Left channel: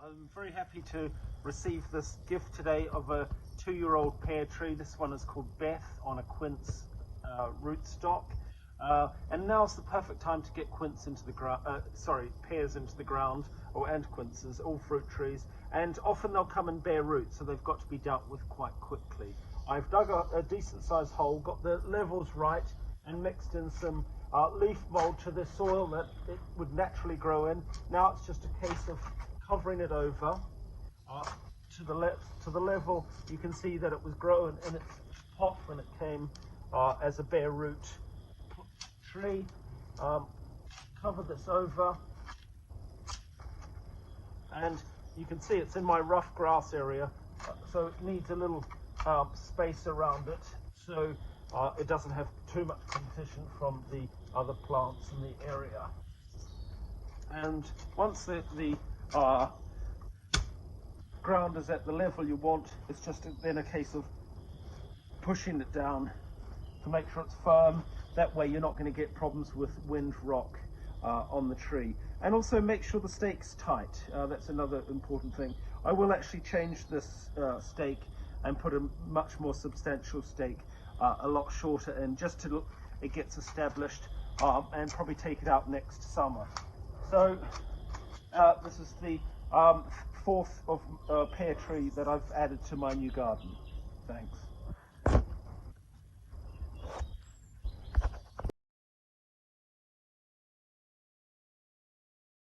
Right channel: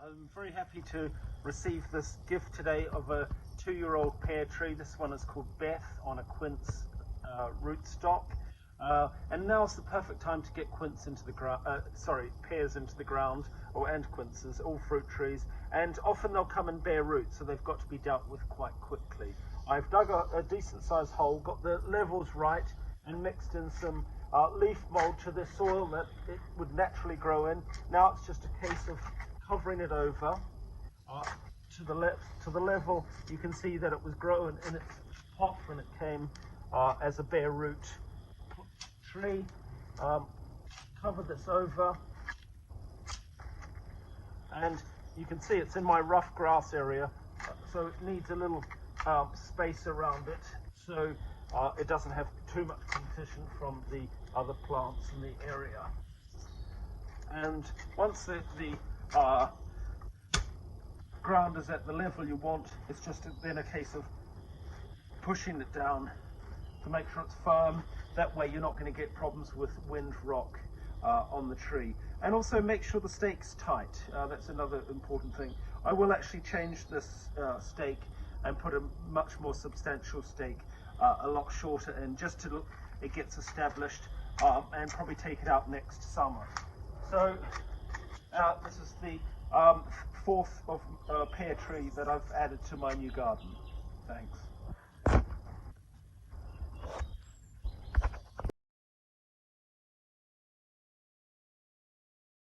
I'm very happy to receive this gift today of a 2-year-old pear tree. This one is called Beth on a quince rootstock. And now's the perfect time to get quince into the ground, pears into the ground, and quinces, all fruit trees. And often they'll come and bear roots, so they've got to be dealt with quite quickly. I've dug a decent sized hole, got the levels right, and mixed in some leaf mold to the soil that it would naturally grow in. Now it's just a case of covering it over to the level. You can see that it was grown in its pot when it came as a bare root tree. Cover this over, and you can see it's in my rough grass area, so it needs a little space around it, so it doesn't have too much competition from the other plants in the area. And once the ground is at the level you want, it's just then a case of pushing it down to make sure it's firm. That way you're not going to get problems with wind, rock on the tree. And also make sure the stake's tight. That's another important thing. I will actually change this stake and put a much more substantial stake a lot shorter in, just till it gets established, and probably take it out next summer. So this is the fourth of pear tree that I've added to my new garden. Thanks.